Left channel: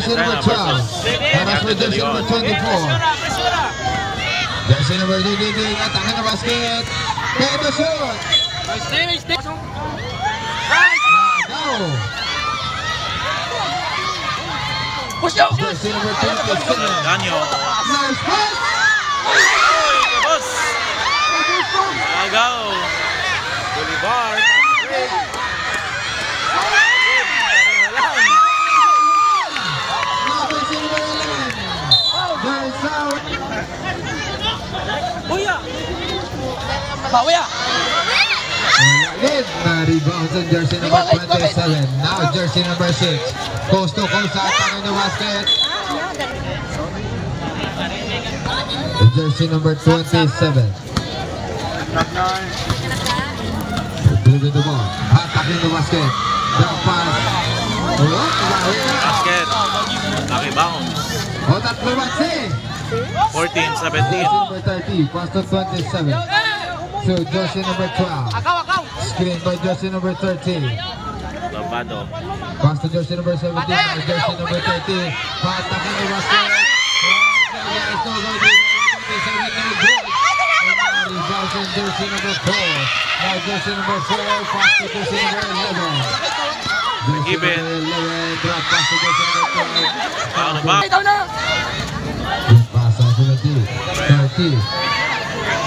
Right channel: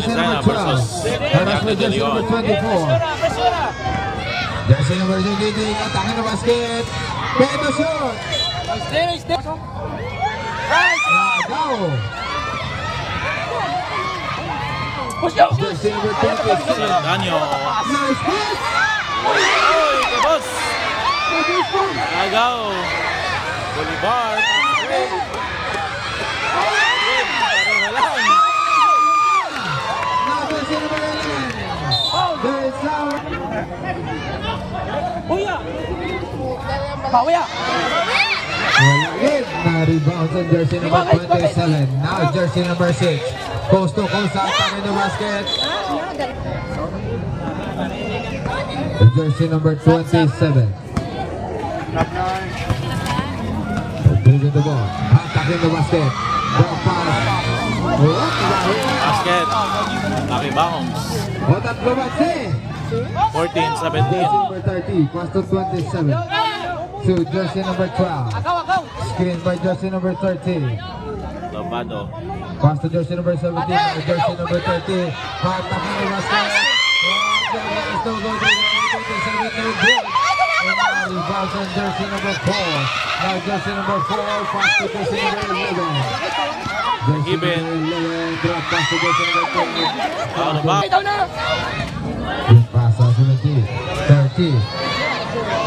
Valenzuela versus Yate De Leon. Jersey number 18, attacking the basket. Get the shot. Go. Jersey number 27. Serdanio. Nice pass. Oy, kabos. Agaw. Bolivar. Good. Pareho lang. Now Jersey number 11. Goes out. Bawi ya. Rebounds on jersey number 27. Now jersey number 6. Coast to coast attacking the basket. Jersey number 27. Dribbling the ball. Attacking the basket. Drop pass. Basket. Lucky bounce. Otat Labatse. 14-17. Number 30. Pass to 27. So jersey number 12. Screen by jersey number 13. Lavado. Pass to jersey number 17. Jersey number 30. Attacking the basket. Rebounds on jersey number 4. Now jersey number 4. Pass to jersey number 11. Even. Drop pass to jersey number 12. Out of bounds. Pass on 17. 30.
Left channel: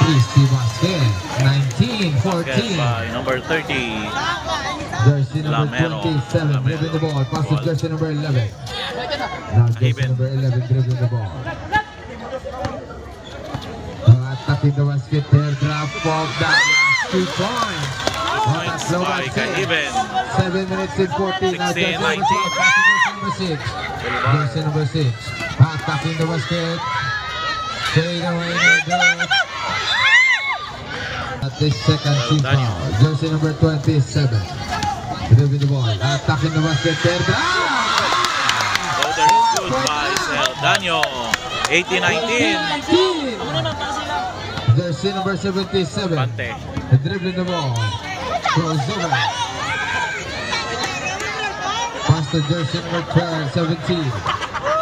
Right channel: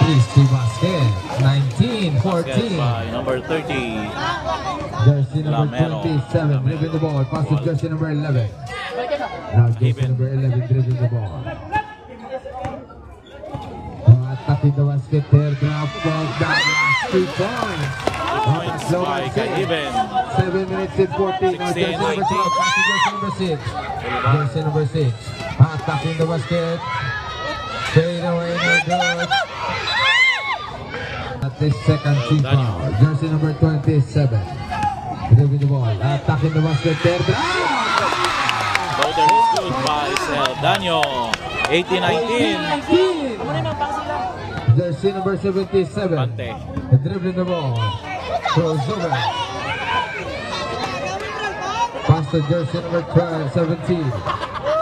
Easy basket. 19. Basket 14. by number 30. Jersey number Lamero. 27. Dribbling the ball. Pass to jersey number 11. Now jersey Even. number 11 dribbling the ball. Attacking the basket there. Drop off that 2 points. Points by Kaiben. 7 minutes and 14. 16-19. Jersey number 6. Jersey number 6. Attacking the basket. Fade away, no good. At this second team foul. Jersey number 27. Dribbling the ball. Attacking the basket there. Golden shoot by Serdanio. 18-19. Jersey number 77. Pante. Dribbling the ball. Crossover. Pass to jersey number 12, 17.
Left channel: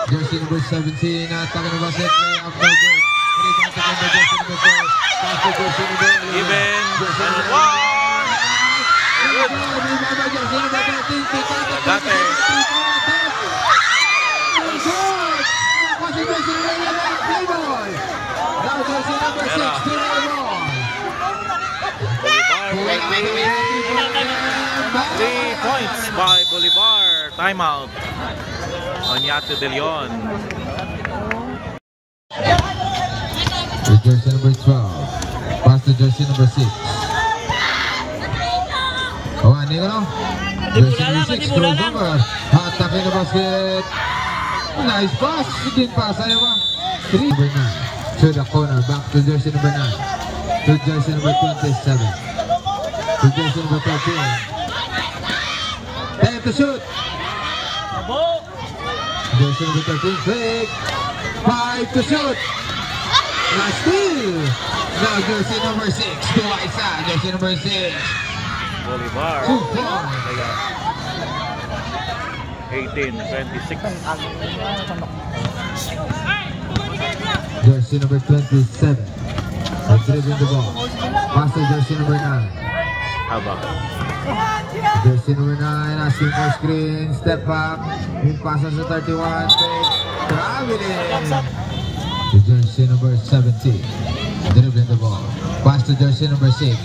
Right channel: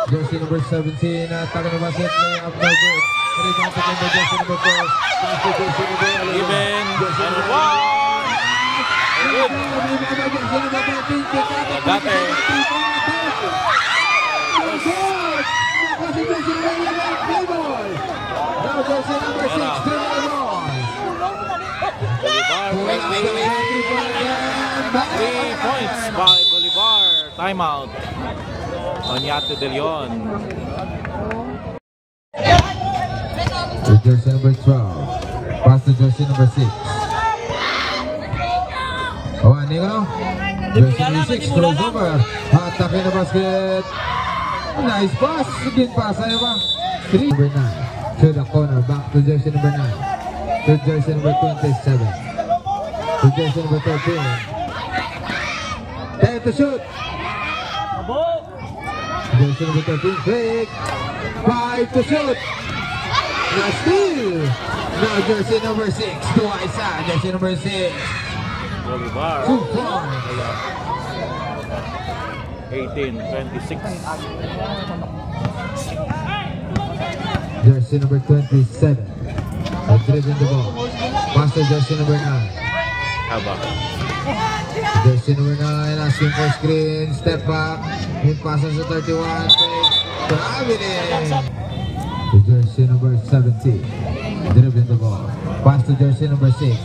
Jersey number 17. Attacking the basket. Layup no good. Rebound to the jersey number 4. Pass to jersey number 11. Even. And one. Good. Agate. Bolivar. 3 points by Bolivar. Timeout. Yate De Leon. Jersey number 12. Pass to jersey number 6. Oh, ano yun? Jersey number 6. Crossover. Attacking the basket. Nice pass. Good pass. Ayaw ba? 3. Number 9. To the corner. Back to jersey number 9. To jersey number 27. To jersey number 13. 10 to shoot. Jersey number 13. Quick. 5 to shoot. Last steal. Now jersey number 6. Twice. Jersey number 6. Bolivar. 2 points. Layup. 18-26. Jersey number 27. Dribbling the ball. Pass to jersey number 9. Haba. Jersey number 9 asking for screen. Step back. In passes to 31. Traveling. To jersey number 17. Dribbling the ball. Pass to jersey number 6.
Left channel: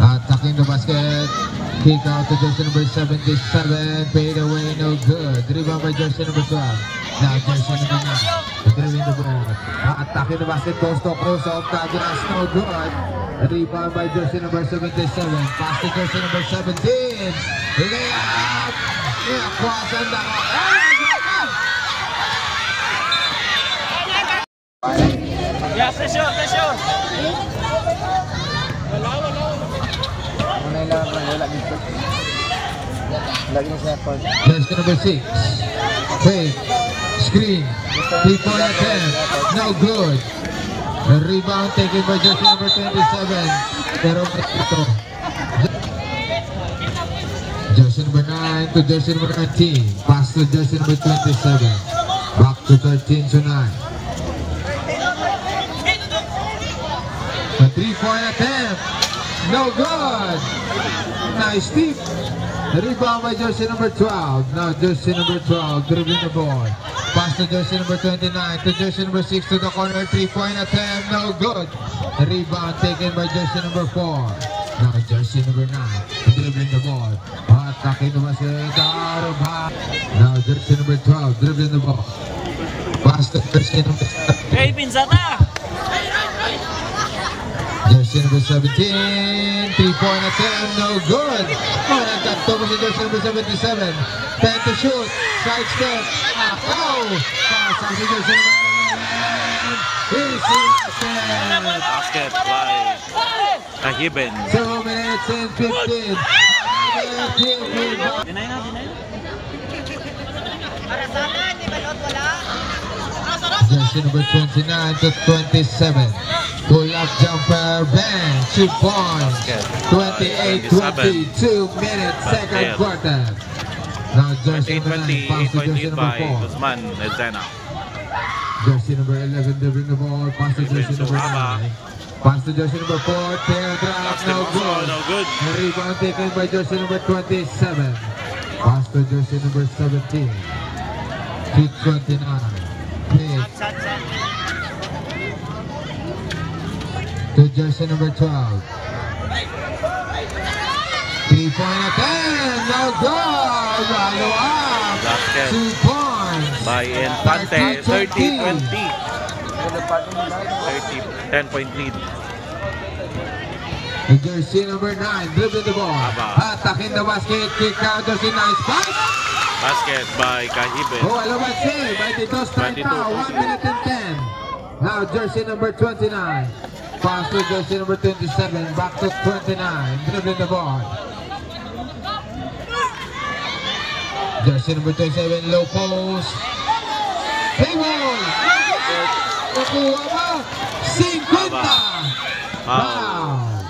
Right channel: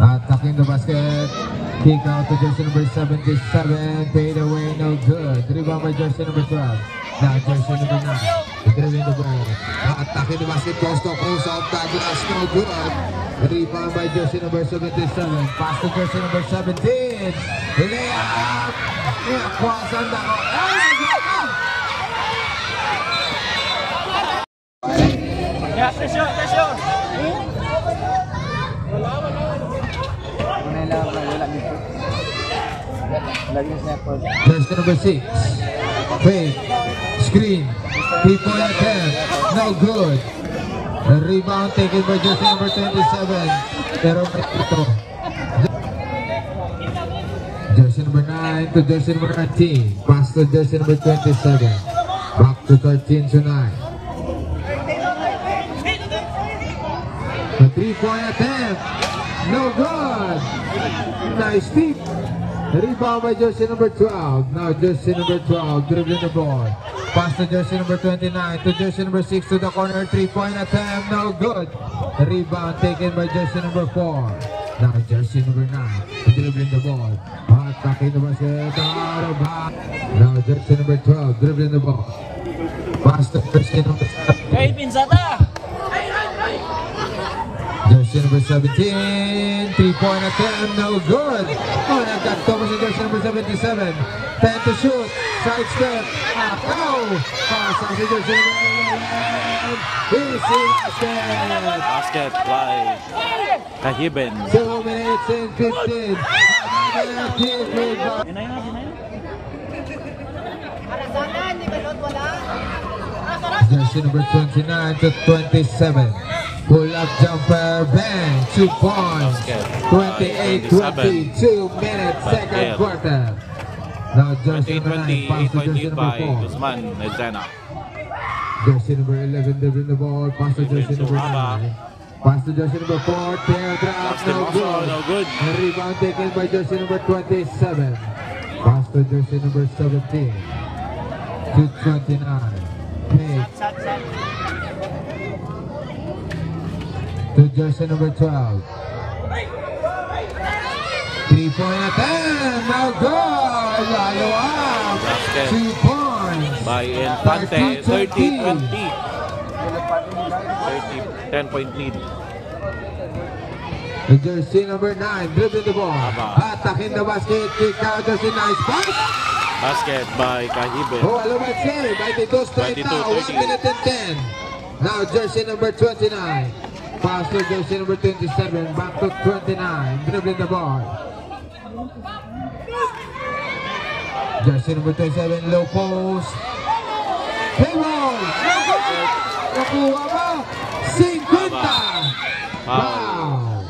Attacking the basket. Kick out to jersey number 77. Fade away, no good. Rebound by jersey number 12. Now jersey number 9. Dribbling the ball. Attacking the basket. Post to post off. That's no good. Rebound by jersey number 77. Pass to jersey number 17. Layup. Kuwasan na ko. Ya, pressure. Jersey number 6. Fake. Screen. 3-point attempt. No good. A rebound taken by jersey number 27. Pero may ito. Jersey number 9 to jersey number 19. Pass Pass to jersey number 27. Back to 13 to 9. A 3-point attempt. No good. Nice deep. Rebound by jersey number 12. Now jersey number 12 dribbling the ball. Pass to jersey number 29 to jersey number 6 to the corner. 3-point attempt. No good. Rebound taken by jersey number 4. Now jersey number 9 dribbling the ball. Attacking the basket. Now jersey number 12 dribbling the ball. Pass to jersey number 7. Hey, Pinzata! Jersey number 17, 3-point attempt, no good. Nagkanto pa si jersey number 77. 10 to shoot, side step, no! Pass on si jersey number 11. Easy Basket by Kahiben. 2 minutes and 15. Dinay na. Jersey number 29 to 27. Pull-up jumper, bang, 2 points. 28-20, 2 minutes, second quarter. Now jersey number 9, pass to jersey 8.8 number by 4. Guzman Elzena. Jersey number 11 dribbling the ball, pass to jersey number 9. Pass to jersey number 4, tail drop, Last no good. no good. Rebound taken by jersey number 27. Pass to jersey number 17. To 29. Pick. To jersey number 12. 3-point attempt, no good. Follow up. Basket 2 points. by Infante. 30-20. 10-point lead. To jersey number 9, dribbling the ball. Aba. Attacking the basket, kick out, to si nice pass. Basket by Kahiben. Oh, alamat save by the 22. 1 minute and 10. Now jersey number 29. Pass to jersey number 27. Back to 29. Dribbling the ball. Jersey number 27. Low post. Play ball. Nakuha ba? 50. Foul.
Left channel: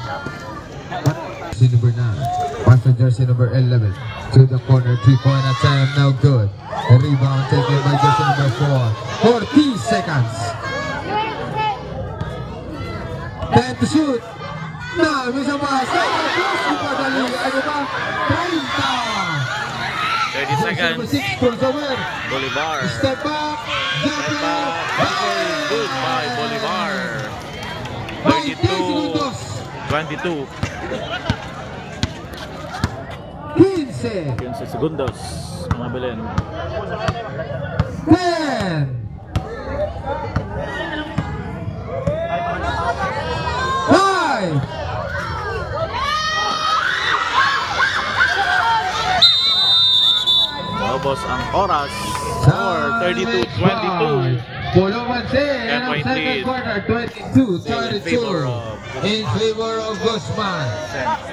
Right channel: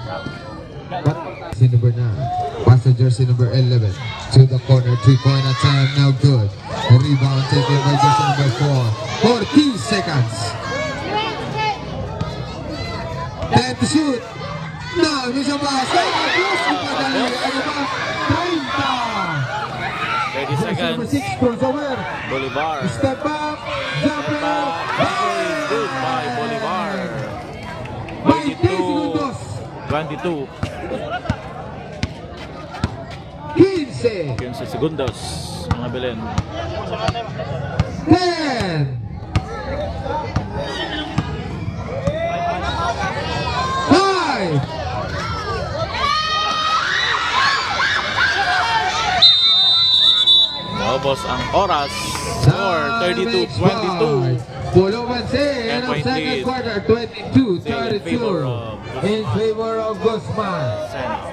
Jersey number 9. Pass to jersey number 11. To the corner. 3-point attempt. No good. A rebound taken by jersey number 4. 14 seconds. 10 to shoot. No, bisa basket. Ano ba? 30 30. seconds. Number 6, crossover. Bolivar. Step back. Jumper. Step back. Very good by Bolivar. 20 segundos. 22. 15. 15 segundos. Mga Belen. 10. 5. Naubos ang oras. Score 32-22. Pulong Mansin. 10-point Second lead. quarter, 22, Still in 32. favor of Guzman. In favor of Guzman.